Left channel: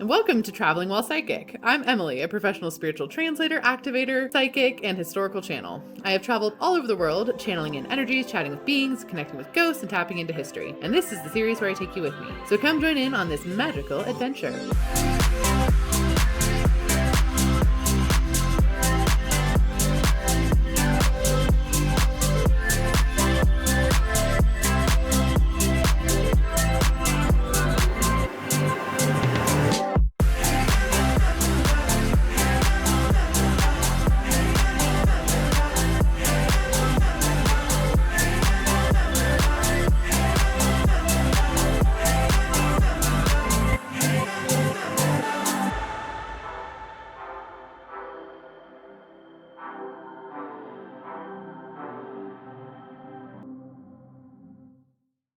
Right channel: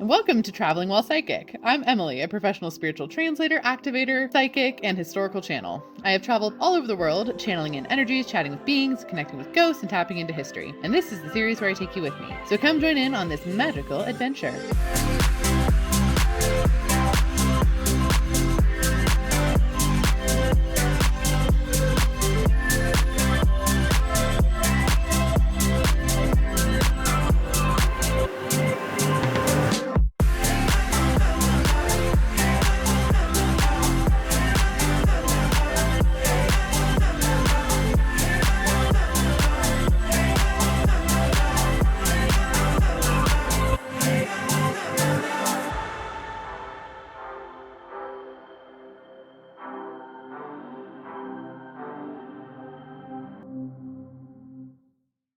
And welcome to Traveling While Psychic. I'm Emily, a professional spiritual translator, activator, psychic, and historical channel. I have traveled all over the world, channeling in energies, chatting with beings, connecting with ghosts, and tapping into history. And this is the series where I take you with me. So come join in on this magical adventure.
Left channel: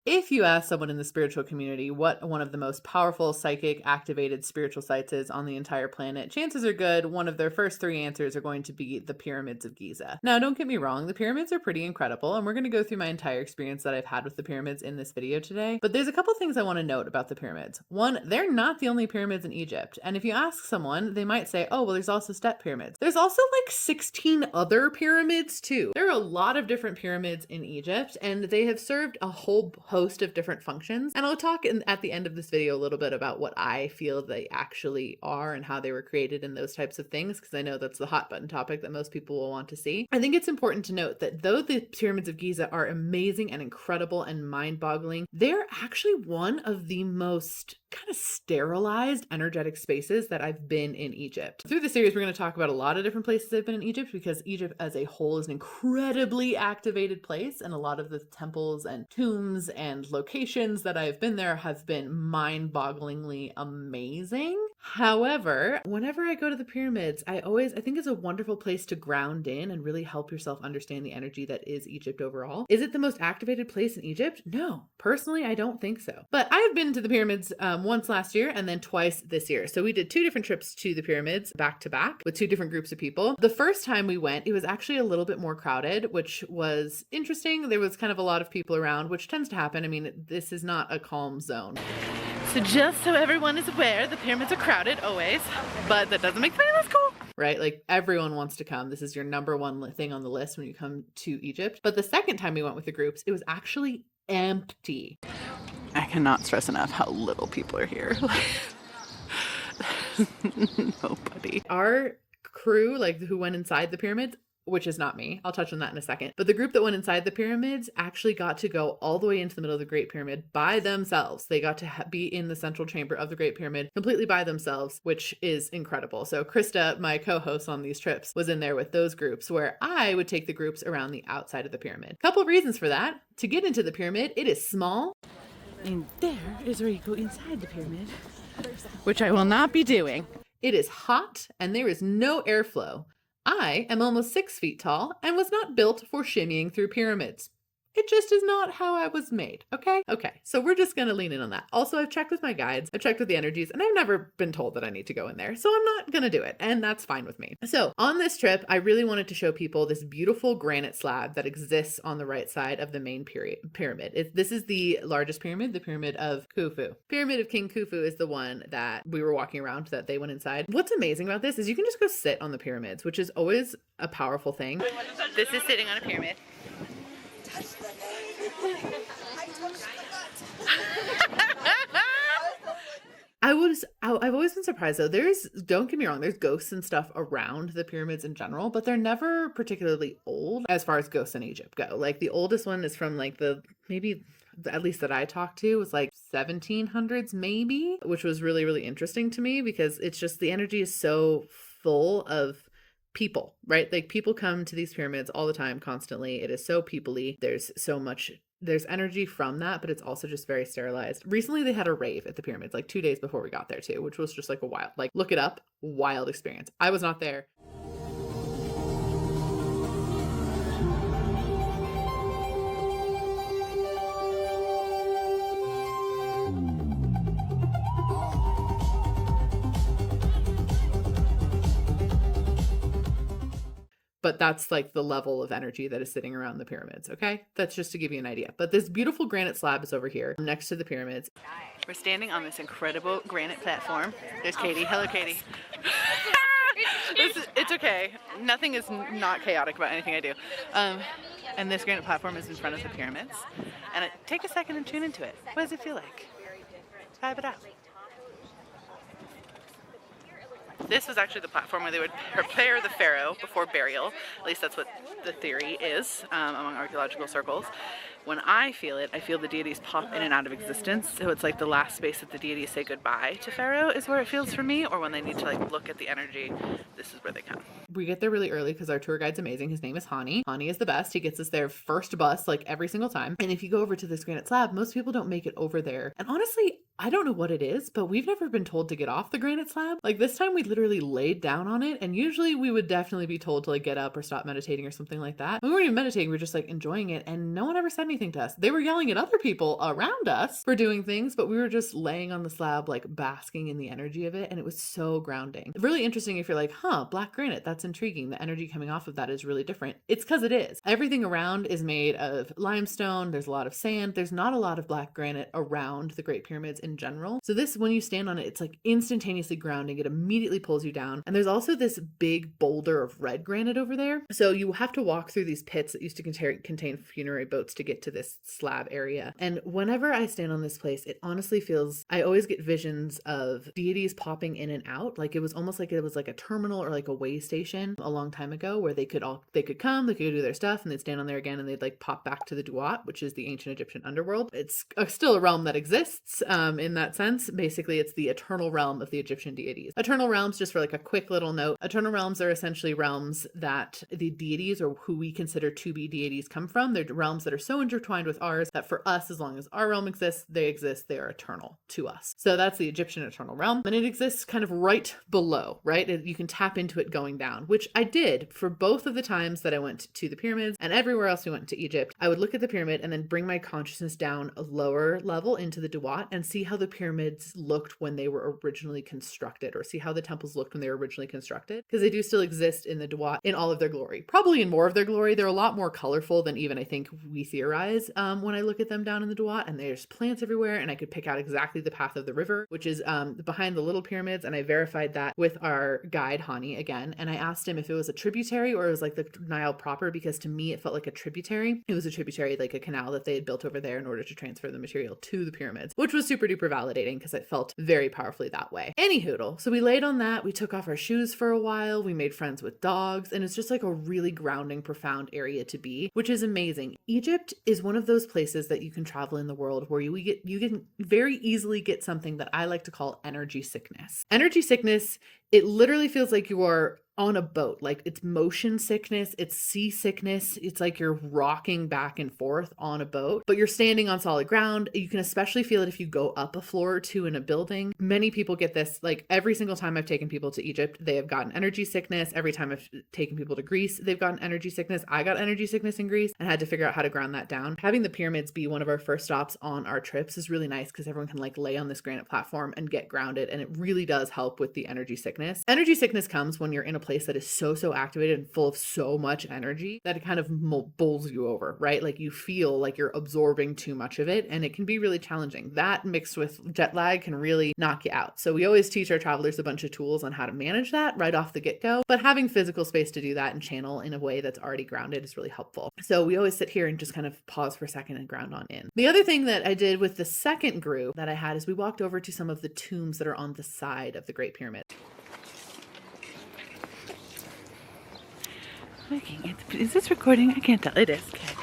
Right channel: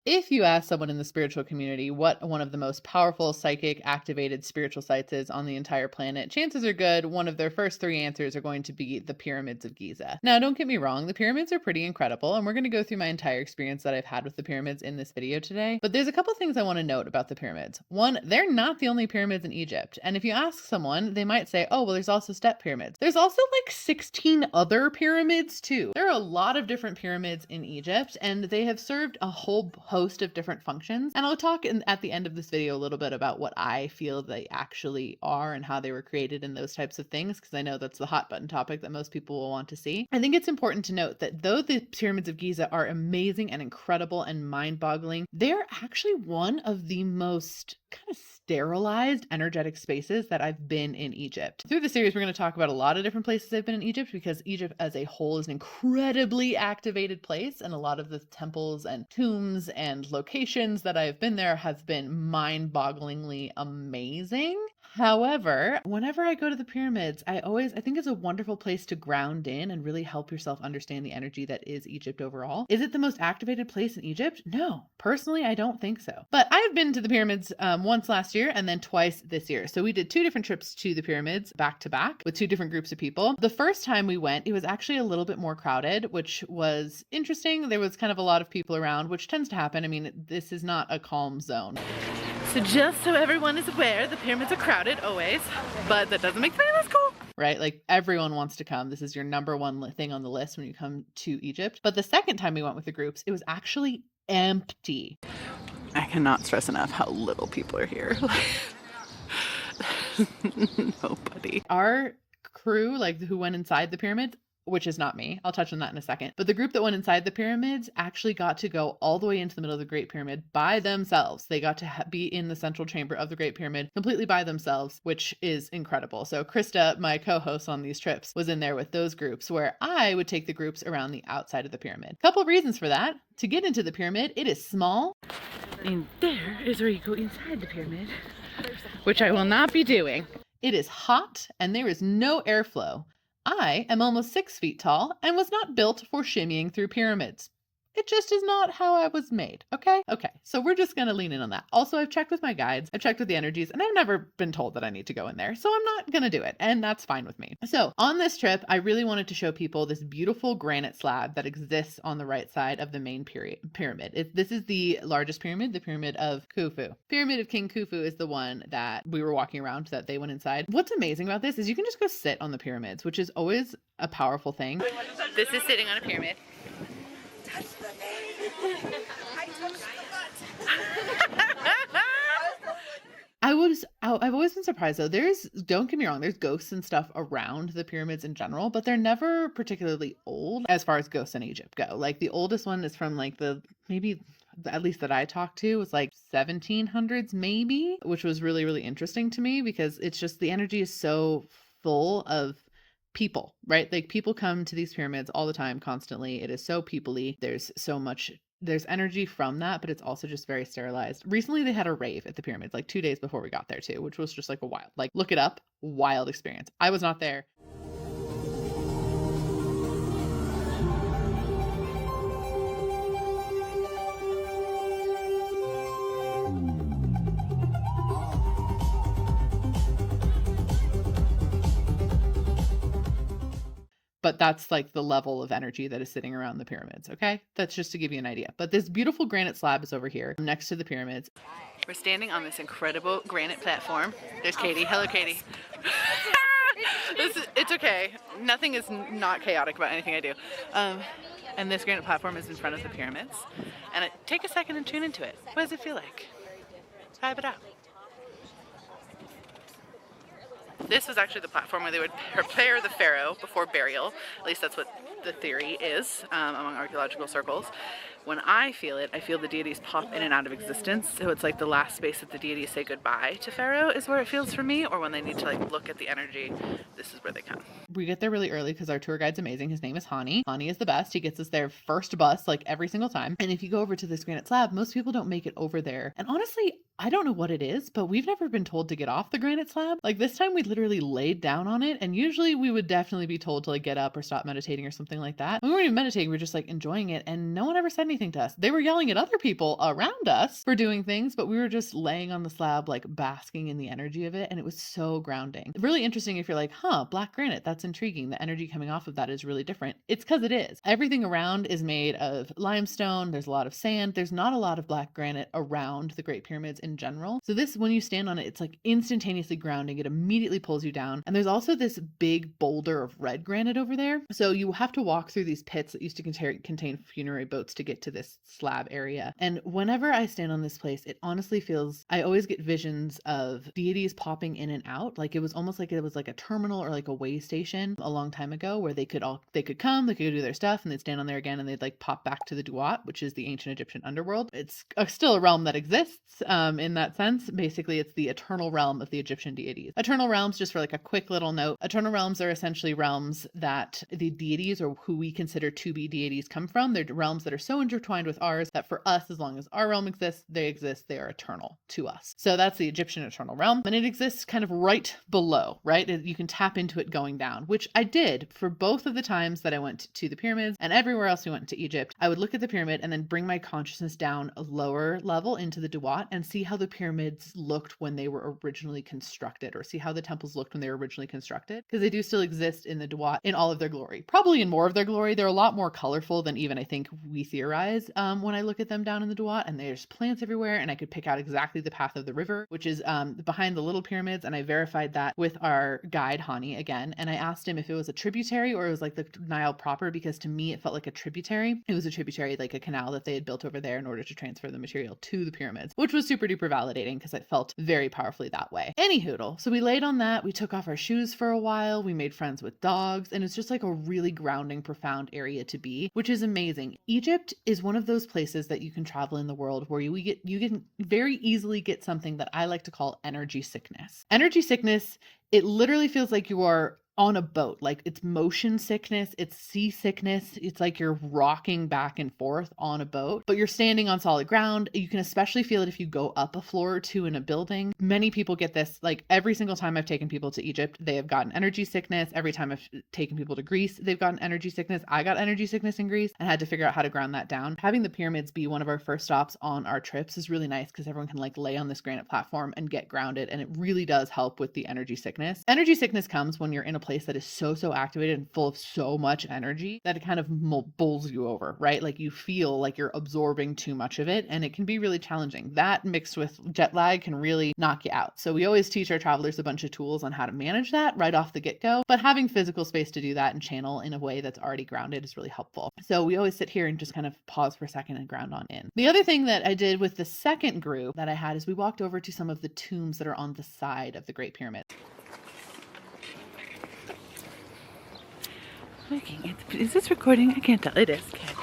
If you ask someone in the spiritual community what one of the most powerful psychic activated spiritual sites is on the entire planet, chances are good one of their first three answers are going to be the pyramids of Giza. Now, don't get me wrong, the pyramids are pretty incredible, and we're going to go through my entire experience that I've had with the pyramids in this video today. But there's a couple things I want to note about the pyramids. One, they're not the only pyramids in Egypt. And if you ask someone, they might say, oh, well, there's also step pyramids. There's also like 16 other pyramids too. There are a lot of different pyramids in Egypt, and they have served a whole host of different functions. And I'll talk at the end of this video a little bit about what I feel they actually are and how they were created and those types of things, because I know that's the hot button topic that most people will want to see. I think it's important to note that though the pyramids of Giza are amazing and incredible and mind-boggling, they're actually one of the most kind of sterilized energetic spaces that I've been in Egypt. Through the series, we're going to talk about a lot of different places I've been in Egypt, because Egypt as a whole is an incredibly activated place, and a lot of the temples and tombs and locations that I've been there have been mind-bogglingly amazing. However, whenever I go to the pyramids, I think it's a wonderful place to ground in and really help yourself understand the energy that is Egypt overall. Is it the most activated place in Egypt? No, personally, I don't think so. But I've been to the pyramids once last year and then twice this year. So we did two different trips to the pyramids back to back with two different groups of people. The first time we went, it was actually a little bit more crowded, which was interesting. There was kind of a lot of people around, which tends to happen. I mean, this is not a calm zone. So just so everyone is aware, the pyramids are crowded always, but that doesn't make them any less cool. Right? Like everyone wants to come. This is your number one thing on the list when you come to Egypt. But the second time we went with the groups, it was actually empty. I cannot stress enough how little people are here. Nobody. Our crew, like who went inside the pyramids, which is not me. I'll touch on that in a second. But the group that went inside the pyramids actually got to go all the way into the middle of the Great Pyramid by themselves. They got to be in the central chamber of the Great Pyramid completely by themselves, which is incredible. So Krista, my co-host on these trips, was in there with those groups, where I would take the groups around the outside of the pyramid. Couple reasons for that. To get into the pyramid, it is small. And there is where you go inside the pyramid, which I will not be doing. It is hot and there is no airflow. I am almost 6 feet tall and was not built for shimmying through pyramids. It just is not how I was made, okay? Okay, so we're just gonna lean in on that. Also, I've checked with my guides, I've checked with the energies, and I've never been told that I need to go in there, so I'm not gonna do it, and that's fine with me. So, on this trip, I really wanted to show people this beautiful granite slab that exists on the right side of the main pyramid. This is the largest pyramid, the Pyramid of Kufu. Pyramid of King Kufu is the one that we were walking around, that they went inside. What's amazing about this is you can just go sit on the pyramids, which is always a powerful thing. This is sitting on a pyramid. I've always been surprised though. Don't get me wrong, there's ghosts and stuff around the pyramids in general, but they're never particularly old as far as ghosts in Egypt go. Like the oldest one is from like maybe at least that I talked to was like 1700s maybe, which was really, really interesting to me, because it's just the energy is so full of people, right? Like people come to these pyramids all the time, constantly. It is so people-y. There's energy from that, but it's also just very sterilized. Recently, they had a rave at the pyramids, like 2 days before we got there too, which was just like a wild, like look it up, wild experience. I was not there. But that's like the level of energy that is sitting around the pyramids, okay? That's just to give you an idea. But this beautiful granite slab is over here next to the pyramids. We're standing on this incredible granite platform. There's Katie. Hello, Katie. It's okay. Nothing is not chaotic about anything I do. And this granite platform is in front of the pyramids. And take a second and tune into it. What does it feel like? Vibe it out. This was actually the platform where they would prepare the pharaoh before burial. At least that's what the theory is among archaeological circles. When I feel it, I feel the deities pop in and out of existence. So it's like the last space that the deities say goodbye to pharaoh is where it feels for me, or when they need to like look at the energy, this is where they come. We get there really early because our tour guide's amazing. His name is Hani. Hani is the best. He gets us there first bus like every single time. And if you go over to this granite slab, most people don't make it over there. And honestly, I don't know what it is, but we've never been told to get off the granite slab. Like this time we literally laid down on it, and usually we would definitely be told to like get up or stop meditating or something like that. We weren't even meditating, we were just like enjoying it, and no one ever said anything to us. They were yelling at other people around us for doing things, but we were just laying on the slab like basking in the energy of it, and it was so grounding. Really interesting if you're like, black granite, that's intriguing. The energy coming off of that is really different. It's because it is. Everything around is made of limestone. There's a lot of sand. There's not a lot of black granite around the Great Pyramids in general. So this, when you stand on it, it's like instantaneously grounding. It immediately pulls you down. And there's also this big boulder of red granite over there. So you have to walk through these pits that used to contain funerary boats to get to this slab area. And whenever I stand on this place, it honestly feels, I always get visions of deities popping in and out. Like it was almost like it was like a terminal or like a way station a long time ago where they could come, they could do their stuff, and they'd stand on there again, and they'd like pop back to the Duat, which is the ancient Egyptian underworld. It's still a realm that exists in that sense. Basically, it's the eternal realm of the Egyptian deities. Eternal realms, just for like a quick little note, eternal realms are essentially realms that the deities, or who we consider to be deities, come from. They're realms that are so intertwined with ours that for us, as long as our realm exists, they are eternal to us. So that's the Egyptian eternal realm, and it exists kind of right below, right? You can tap into it going down, which I did for both of the times that I went to the pyramids and everywhere else we went to Egypt. I would look at the pyramid and then bring my consciousness down a lower level into the Duat and see how the pyramids looked when they were originally constructed, or see how the temples looked when they were originally constructed, because they do still exist in the Duat in all of their glory, probably in more of their glory. They're a lot more colorful than even I think we theorize when I look at them down in the Duat, and there's plants everywhere, and I could pick out exactly the path of the river, which is behind the little pyramids, and I verified that with our guide Hani again, and I asked him if it was a tributary or it was like the Nile proper, because to me it felt like a tributary. It was a tributary, like a canal that they had built over there in order to transfer the material to the pyramids, which was super duper validating because it felt very powerfully that way. Anyhoodle, so we laid on that, we took off our shoes for a while, we made friends with dogs, and it's just like a really grounding, profound area to be, which is amazing. Egypt is one of those places that you can travel in the world where you can very easily get something that I like to call energy sickness. Energy sickness, it literally feels like you are on a boat. Like it's motion sickness, it's seasickness. It's like you're rocking back and forth on a boat, but you're standing on solid ground. You can especially feel it if you go up a floor or two in a building. Many people get this. Like every single time I've taken people to Egypt, they have gotten energy sickness. Every time I've taken people to Greece, they've gotten energy sickness. I got energy sickness in Greece and had to figure out how to ground that down. Having the pyramids be one of our first stops on our trips is really nice because everyone can like lay on this granite platform and get grounded, and it really does help with the energy sickness. Energy sickness comes when you're in a place that is so activated and full of so much energy that it kind of bowls you over, right? Like you feel like you're absorbing too much of it, and it can be really challenging. That mixed with jet lag can really knock you out. So we always teach our travelers a bunch of tools on how to manage that right off the get-go, but having physical space to do that and channel in a way that's already grounded is really helpful. So we always sit here and just kind of pause for a second and ground on in. The other thing that I did with the second group that I had is we walked over to some of the tombs that are on the side of the Great Pyramid. Is this recording? I can't tell. It is. Okay.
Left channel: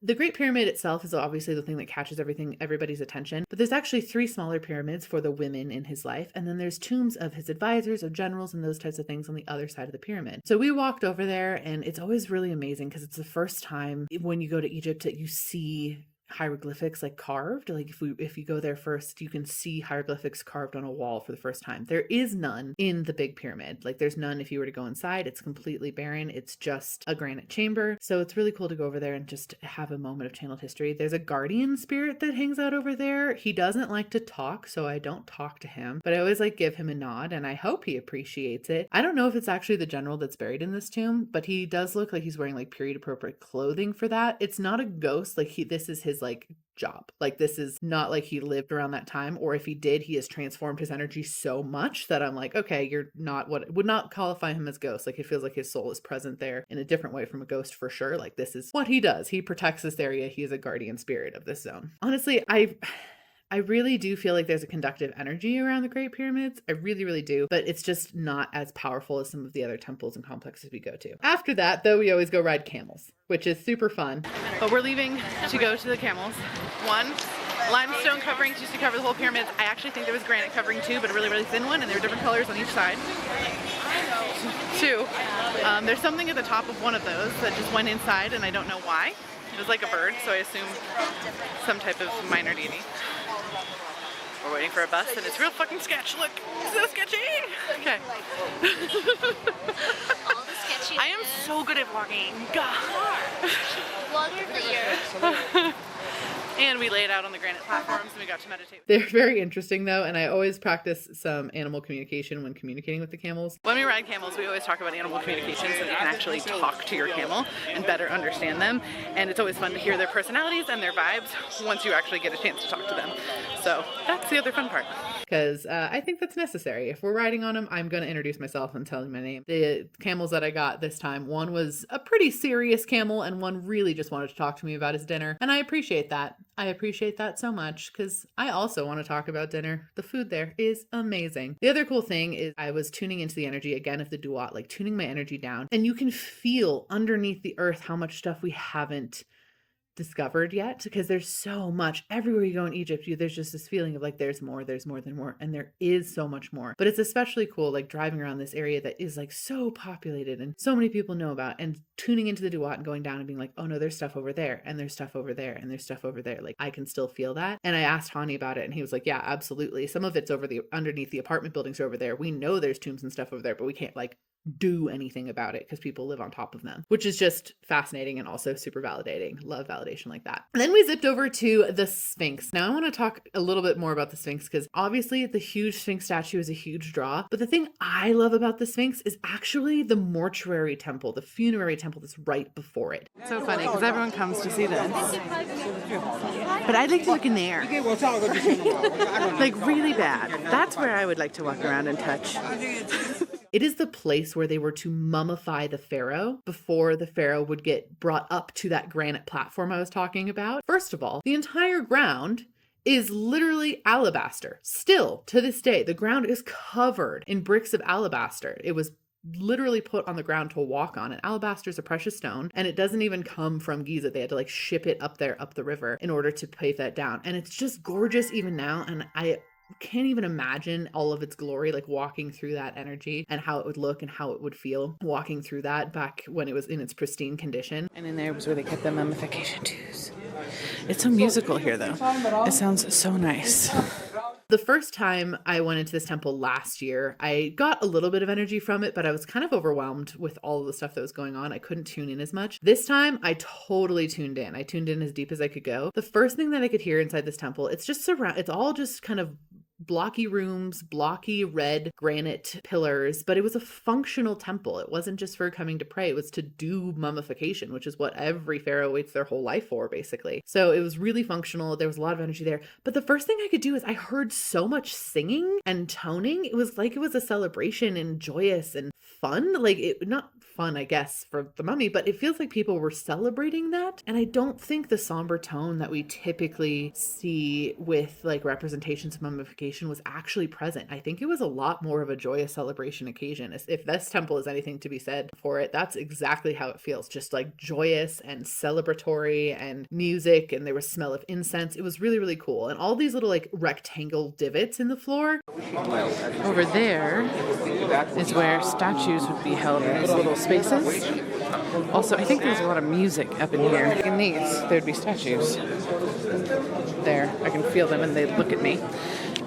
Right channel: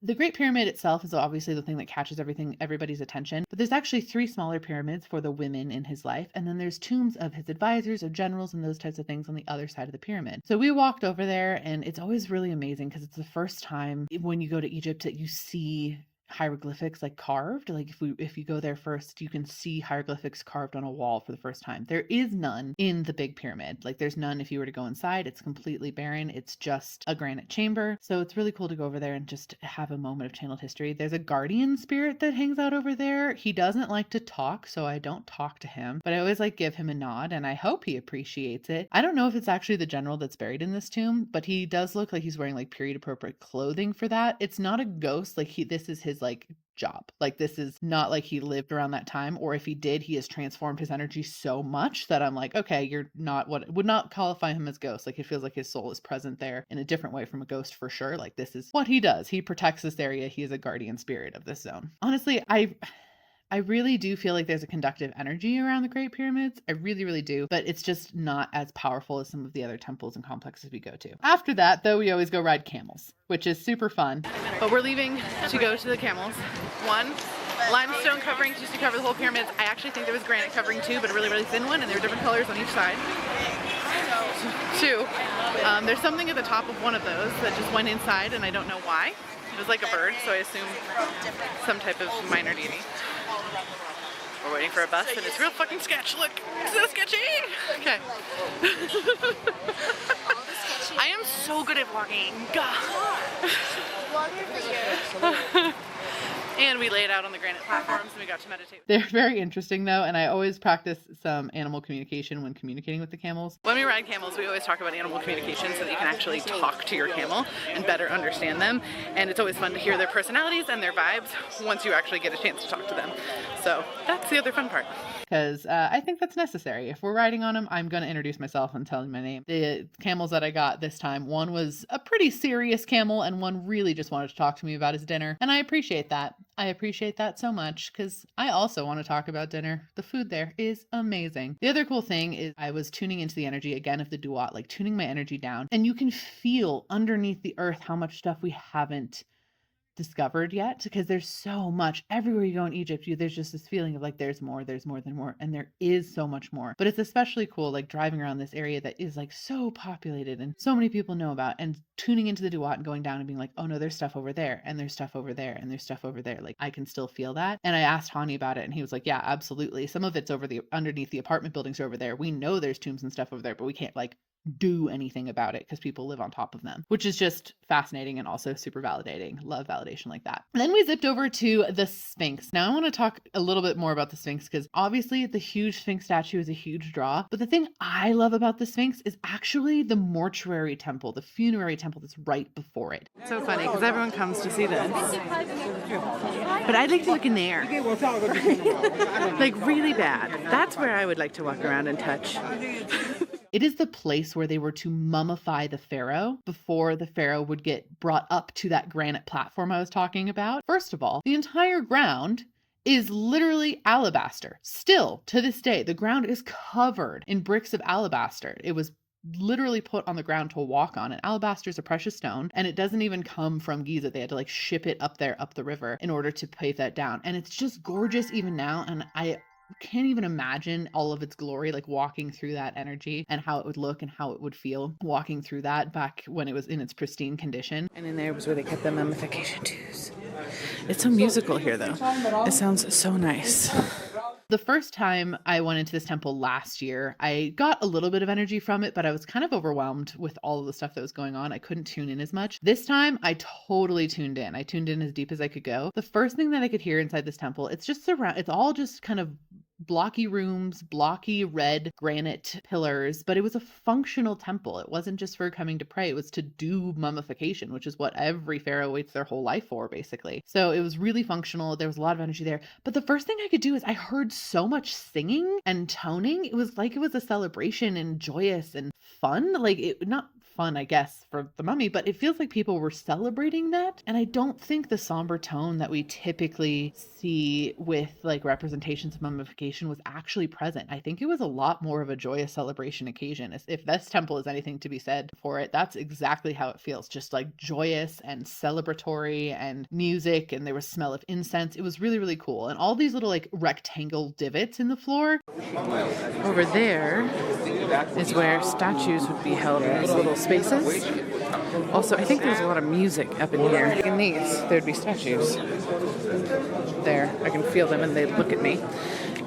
The Great Pyramid itself is obviously the thing that catches everybody's attention, but there's actually 3 smaller pyramids for the women in his life, and then there's tombs of his advisors, of generals, and those types of things on the other side of the pyramid. So we walked over there, and it's always really amazing because it's the first time when you go to Egypt that you see hieroglyphics like carved. Like if you go there first, you can see hieroglyphics carved on a wall for the first time. There is none in the big pyramid. Like there's none if you were to go inside. It's completely barren. It's just a granite chamber. So it's really cool to go over there and just have a moment of channeled history. There's a guardian spirit that hangs out over there. He doesn't like to talk, so I don't talk to him, but I always like give him a nod, and I hope he appreciates it. I don't know if it's actually the general that's buried in this tomb, but he does look like he's wearing like period appropriate clothing for that. It's not a ghost. Like this is his like job. Like this is not like he lived around that time, or if he did, he has transformed his energy so much that I'm like, okay, you're not what would not qualify him as ghost. Like it feels like his soul is present there in a different way from a ghost for sure. Like this is what he does. He protects this area. He is a guardian spirit of this zone. Honestly, I really do feel like there's a conductive energy around the Great Pyramids. I really, really do. But it's just not as powerful as some of the other temples and complexes we go to. After that, though, we always go ride camels, which is super fun. But we're leaving to go to the camels. One, limestone coverings used to cover the whole pyramids. I actually think there was granite covering too, but a really, really thin one, and there were different colors on each side. Two, there's something at the top of one of those that just went inside, and I don't know why. It was like a bird, so I assume some type of minor deity. We're waiting for a bus, and it's real fucking sketch. Look, it's so sketchy. Okay. I am so good at vlogging. Vlogger for you. And we laid out on the granite platforms and we got to meditate. They're very interesting though, and I always practice some animal communication when communicating with the camels. When we ride camels, we always talk about animal communication so that you can actually talk to your camel and better understand them. And it's always fun to hear their personalities and their vibes once you actually get a chance to talk to them. So that's the other fun part. Because I think that's necessary. If we're riding on them, I'm going to introduce myself and tell them my name. The camels that I got this time, one was a pretty serious camel and one really just wanted to talk to me about his dinner. And I appreciate that. I appreciate that so much because I also want to talk about dinner. The food there is amazing. The other cool thing is I was tuning into the energy again of the Duat, like tuning my energy down. And you can feel underneath the earth how much stuff we haven't discovered yet, because there's so much everywhere you go in Egypt. There's just this feeling of like there's more than more, and there is so much more. But it's especially cool like driving around this area that is like so populated and so many people know about, and tuning into the Duat and going down and being like, oh no, there's stuff over there, and there's stuff over there, and there's stuff over there. Like I can still feel that. And I asked Hani about it and he was like, yeah, absolutely. Some of it's underneath the apartment buildings over there. We know there's tombs and stuff over there, but we can't like do anything about it because people live on top of them, which is just fascinating and also super validating. Love validation like that. And then we zipped over to the Sphinx. Now I want to talk a little bit more about the Sphinx because obviously the huge Sphinx statue is a huge draw, but the thing I love about the Sphinx is actually the Mortuary Temple, the funerary temple that's right before it. It's so funny because everyone comes to see this, but I'd like to look in there. Like really bad. That's where I would like to walk around and touch. It is the place where they were to mummify the pharaoh before the pharaoh would get brought up to that granite platform I was talking about. First of all, the entire ground is literally alabaster. Still, to this day, the ground is covered in bricks of alabaster. It was literally put on the ground to walk on. And alabaster is a precious stone, and it doesn't even come from Giza. They had to like ship it up there, up the river, in order to pave that down. And it's just gorgeous even now. And I can't even imagine all of its glory, like walking through that energy and how it would look and how it would feel walking through that back when it was in its pristine condition. And in there was where they kept the mummification tubes. It's so musical here though. It sounds so nice. The first time I went into this temple last year, I got a little bit of energy from it, but I was kind of overwhelmed with all of the stuff that was going on. I couldn't tune in as much. This time, I totally tuned in. I tuned in as deep as I could go. The first thing that I could hear inside this temple, it's all just kind of blocky rooms, blocky red granite pillars, but it was a functional temple. It wasn't just for coming to pray. It was to do mummification, which is what every pharaoh waits their whole life for, basically. So it was really functional. There was a lot of energy there. But the first thing I could do is I heard so much singing and toning. It was like it was a celebration and joyous and fun. Like it, not fun, I guess, for the mummy, but it feels like people were celebrating that. And I don't think the somber tone that we typically see with like representations of mummification was actually present. I think it was a lot more of a joyous celebration occasion. If this temple is anything to be said for it, that's exactly how it feels. Just like joyous and celebratory and music, and there was smell of incense. It was really, really cool. And all these little like rectangle divots in the floor. Over there is where statues would be held in these little spaces. Also, I think there's a lot of music up in here. In these, there'd be statues. There, I can feel them and they look at me.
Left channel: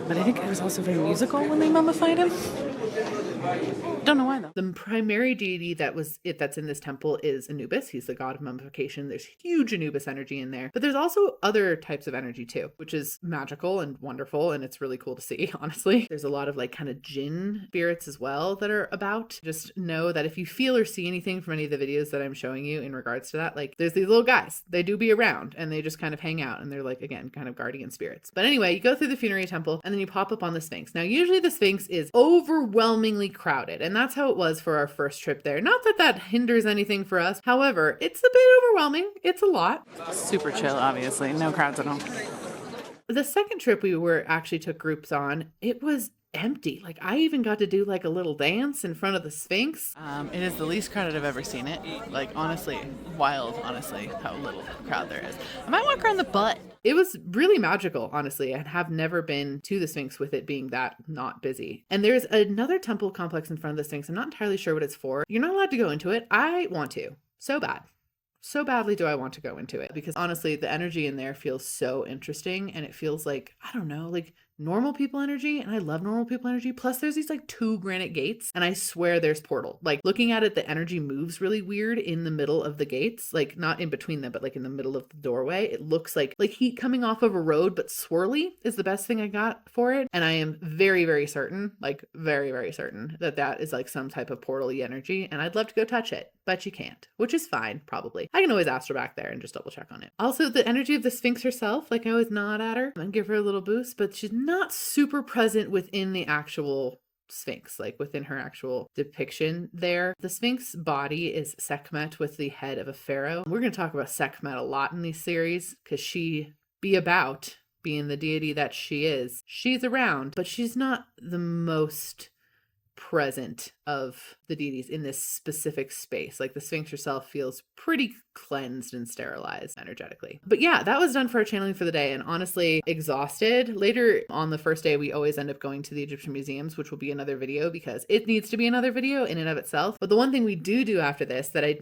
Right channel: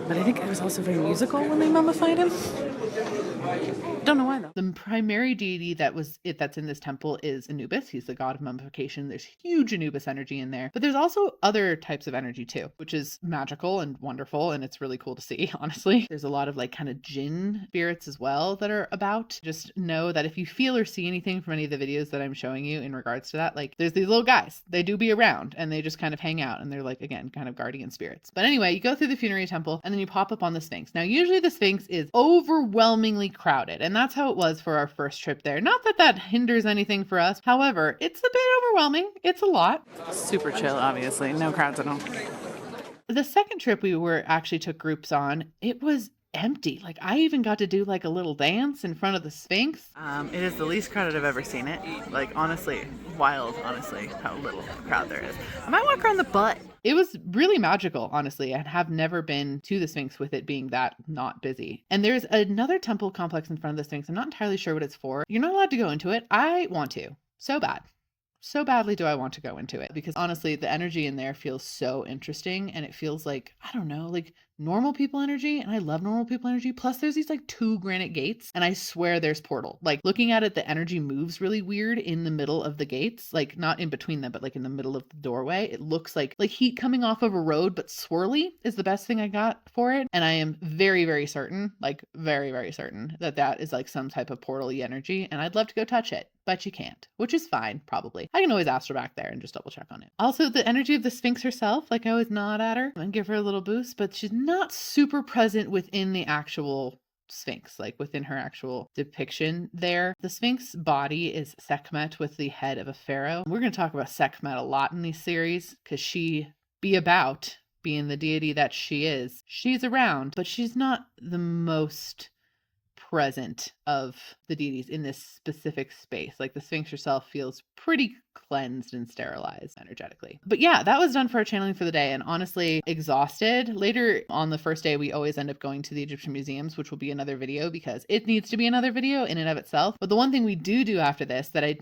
But I think it was also very musical when they mummified him. Don't know why though. The primary deity that's in this temple is Anubis. He's the god of mummification. There's huge Anubis energy in there, but there's also other types of energy too, which is magical and wonderful, and it's really cool to see, honestly. There's a lot of like kind of jinn spirits as well that are about. Just know that if you feel or see anything from any of the videos that I'm showing you in regards to that, like there's these little guys, they do be around and they just kind of hang out, and they're like, again, kind of guardian spirits. But anyway, you go through the Funerary Temple and then you pop up on the Sphinx. Now, usually the Sphinx is overwhelmingly crowded, and that's how it was for our first trip there. Not that that hinders anything for us. However, it's a bit overwhelming. It's a lot. Super chill, obviously. No crowds at all. The second trip we actually took groups on, it was empty. Like I even got to do like a little dance in front of the Sphinx. It is the least crowded I've ever seen it. Like honestly, wild, honestly, how little crowd there is. I might walk around the butt. It was really magical, honestly. I have never been to the Sphinx with it being that not busy. And there's another temple complex in front of the Sphinx. I'm not entirely sure what it's for. You're not allowed to go into it. I want to. So bad. So badly do I want to go into it, because honestly, the energy in there feels so interesting, and it feels like, I don't know, like normal people energy, and I love normal people energy. Plus there's these like 2 granite gates, and I swear there's portal. Like looking at it, the energy moves really weird in the middle of the gates, like not in between them, but like in the middle of the doorway. It looks like heat coming off of a road, but swirly is the best thing I got for it. And I am very, very certain, like very, very certain that that is like some type of portal-y energy, and I'd love to go touch it, but you can't, which is fine, probably. I can always ask her back there and just double check on it. Also, the energy of the Sphinx herself, like I always nod at her and give her a little boost, but she's not super present within the actual Sphinx, like within her actual depiction there. The Sphinx body is Sekhmet with the head of a pharaoh. We're going to talk about Sekhmet a lot in these series, because she be about being the deity that she is. She's around, but she's not the most present of the deities in this specific space. Like the Sphinx herself feels pretty cleansed and sterilized energetically. But yeah, that was done for our channeling for the day, and honestly exhausted. Later on the first day, we always end up going to the Egyptian museums, which will be another video because it needs to be another video in and of itself. But the one thing we do after this that I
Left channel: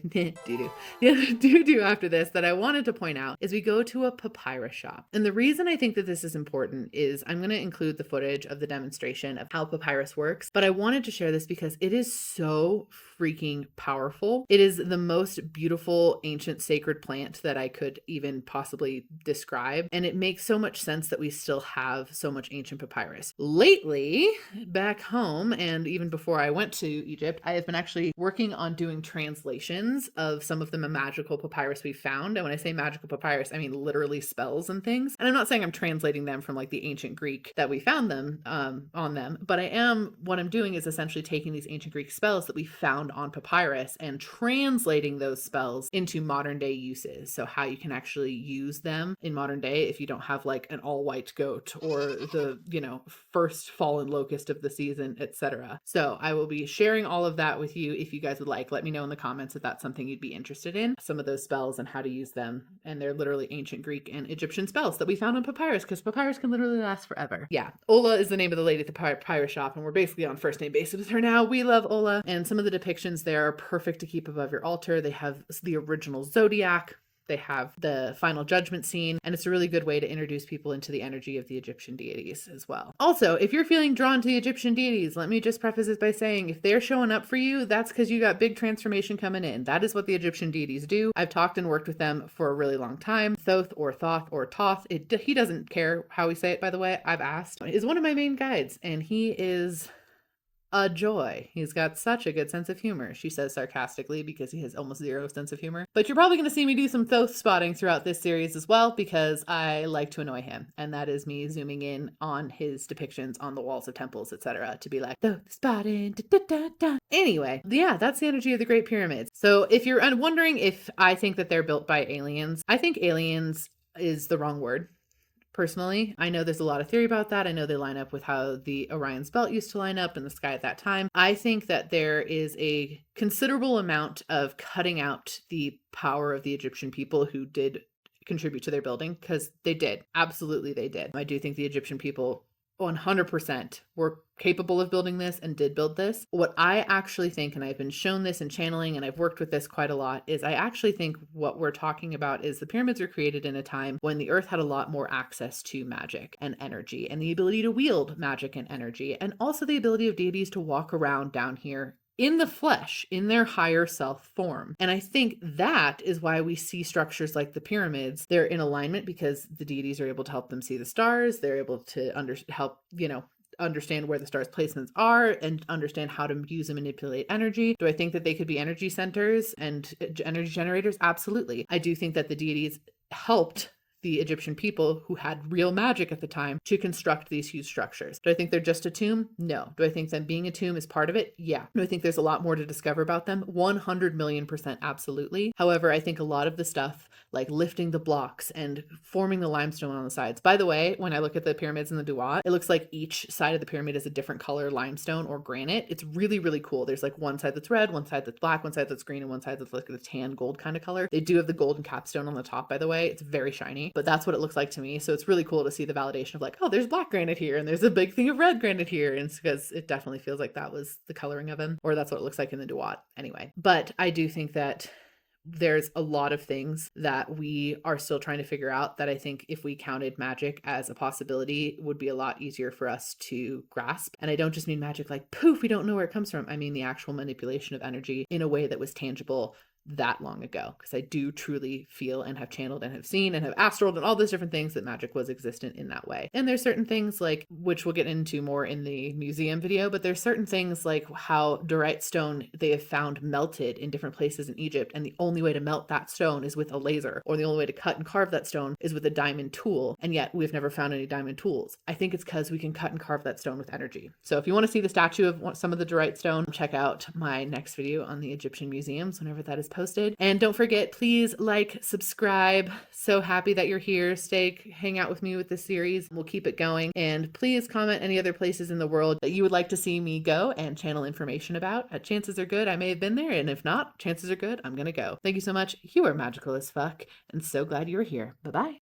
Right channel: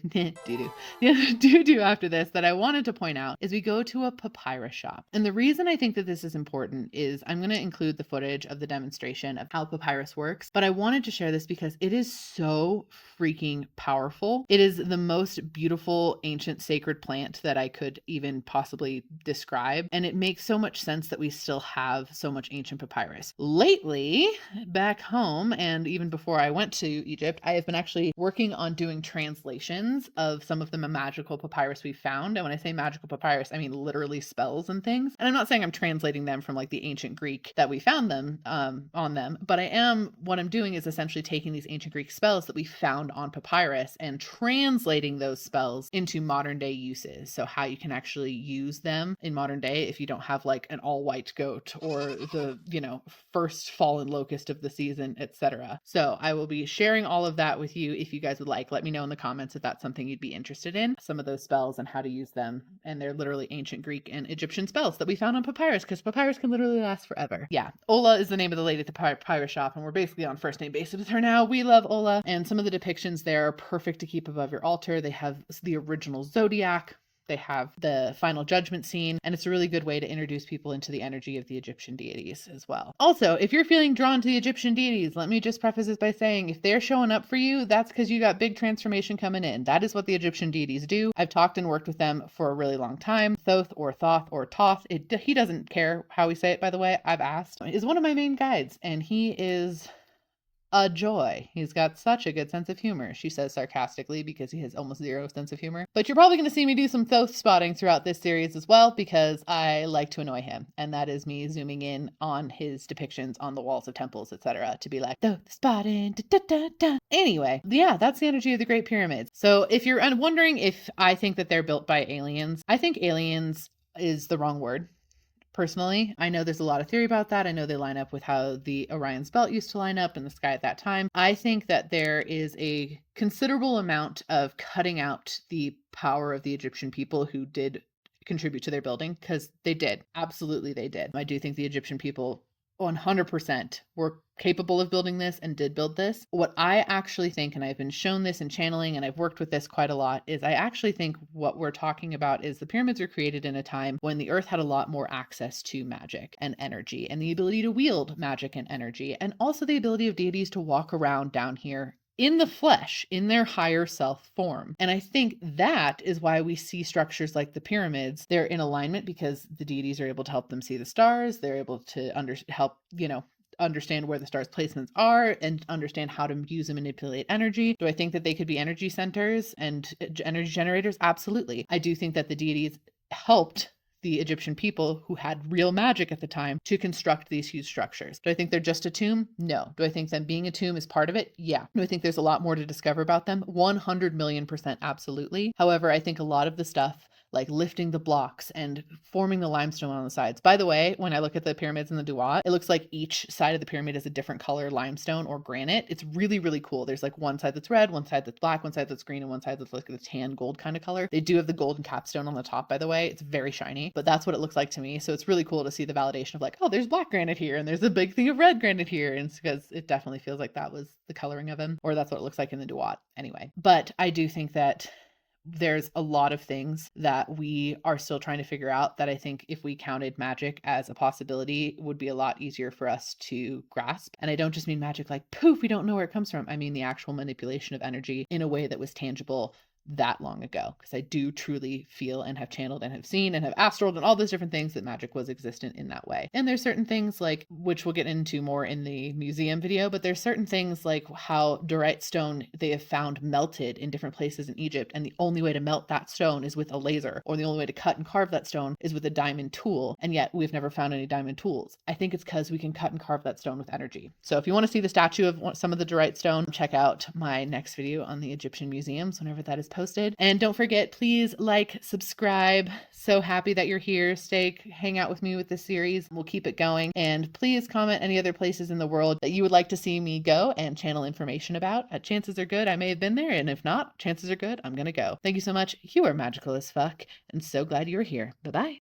do after this that I wanted to point out is we go to a papyrus shop. And the reason I think that this is important is I'm going to include the footage of the demonstration of how papyrus works, but I wanted to share this because it is so freaking powerful. It is the most beautiful ancient sacred plant that I could even possibly describe, and it makes so much sense that we still have so much ancient papyrus. Lately, back home, and even before I went to Egypt, I have been actually working on doing translations of some of the magical papyrus we found. And when I say magical papyrus, I mean literally spells and things. And I'm not saying I'm translating them from like the ancient Greek that we found them on them, but what I'm doing is essentially taking these ancient Greek spells that we found on papyrus and translating those spells into modern day uses. So how you can actually use them in modern day if you don't have like an all white goat or the, first fallen locust of the season, etc. So I will be sharing all of that with you if you guys would like. Let me know in the comments if that's something you'd be interested in, some of those spells and how to use them. And they're literally ancient Greek and Egyptian spells that we found on papyrus, because papyrus can literally last forever. Yeah. Ola is the name of the lady at the papyrus shop, and we're basically on first name basis with her now. We love Ola, and some of the depictions there are perfect to keep above your altar. They have the original zodiac, they have the final judgment scene, and it's a really good way to introduce people into the energy of the Egyptian deities as well. Also, if you're feeling drawn to the Egyptian deities, let me just preface this by saying if they're showing up for you, that's because you got big transformation coming in. That is what the Egyptian deities do. I've talked and worked with them for a really long time. Thoth or Thoth or Toth, he doesn't care how we say it, by the way. I've asked. Is one of my main guides, and he is a joy. He's got such a good sense of humor, she says sarcastically, because he has almost zero sense of humor. But you're probably going to see me do some Thoth spotting throughout this series as well, because I like to annoy him. And that is me zooming in on his depictions on the walls of temples, etc., to be like, Thoth spotting, da, da, da, da. Anyway, yeah, that's the energy of the Great Pyramids. So if you're wondering if I think that they're built by aliens, I think aliens is the wrong word. Personally, I know there's a lot of theory about that. I know they line up with how the Orion's belt used to line up in the sky at that time. I think that there is a considerable amount of cutting out the power of the Egyptian people who did contribute to their building, because they did. Absolutely, they did. I do think the Egyptian people 100% were capable of building this and did build this. What I actually think, and I've been shown this in channeling and I've worked with this quite a lot, is I actually think what we're talking about is the pyramids were created in a time when the earth had a lot more access to magic and energy and the ability to wield magic and energy, and also the ability of deities to walk around down here in the flesh, in their higher self form. And I think that is why we see structures like the pyramids. They're in alignment because the deities are able to help them see the stars. They're able to help, understand where the stars' placements are and understand how to use and manipulate energy. Do I think that they could be energy centers and energy generators? Absolutely. I do think that the deities helped the Egyptian people who had real magic at the time to construct these huge structures. Do I think they're just a tomb? No. Do I think them being a tomb is part of it? Yeah. Do I think there's a lot more to discover about them? 100,000,000% absolutely. However, I think a lot of the stuff like lifting the blocks and forming the limestone on the sides. By the way, when I look at the pyramids in the Duat, it looks like each side of the pyramid is a different color limestone or granite. It's really, really cool. There's like one side that's red, one side that's black, one side that's green, and one side that's like the tan gold kind of color. They do have the golden capstone on the top, by the way. It's very shiny, but that's what it looks like to me. So it's really cool to see the validation of like, oh, there's black granite here and there's a big thing of red granite here. And it's because it definitely feels like that was the coloring of him, or that's what it looks like in the Duat anyway. But I do think that there's a lot of things that we are still trying to figure out that I think if we counted magic as a possibility would be a lot easier for us to grasp. And I don't just mean magic like poof, we don't know where it comes from. I mean the actual manipulation of energy in a way that was tangible that long ago, because I do truly feel and have channeled and have seen and have astraled and all those different things that magic was existent in that way. And there's certain things like, which we'll get into more in the museum video, but there's certain things like how diorite stone they have found melted in different places in Egypt, and the only way to melt that stone is with a laser, or the only way to cut and carve that stone is with a diamond tool, and yet we've never found any diamond tools. I think it's because we can cut and carve that stone with energy. So if you want to see the statue of some of the diorite stone, check out my next video on the Egyptian museums whenever that is posted. And don't forget, please like, subscribe. So happy that you're here. Hang out with me with this series. We'll keep it going. And please comment any other places in the world that you would like to see me go and channel information about. Chances are good I may have been there, and if not, chances are good I'm gonna go. Thank you so much. You are magical as fuck, and so glad you were here. Bye-bye.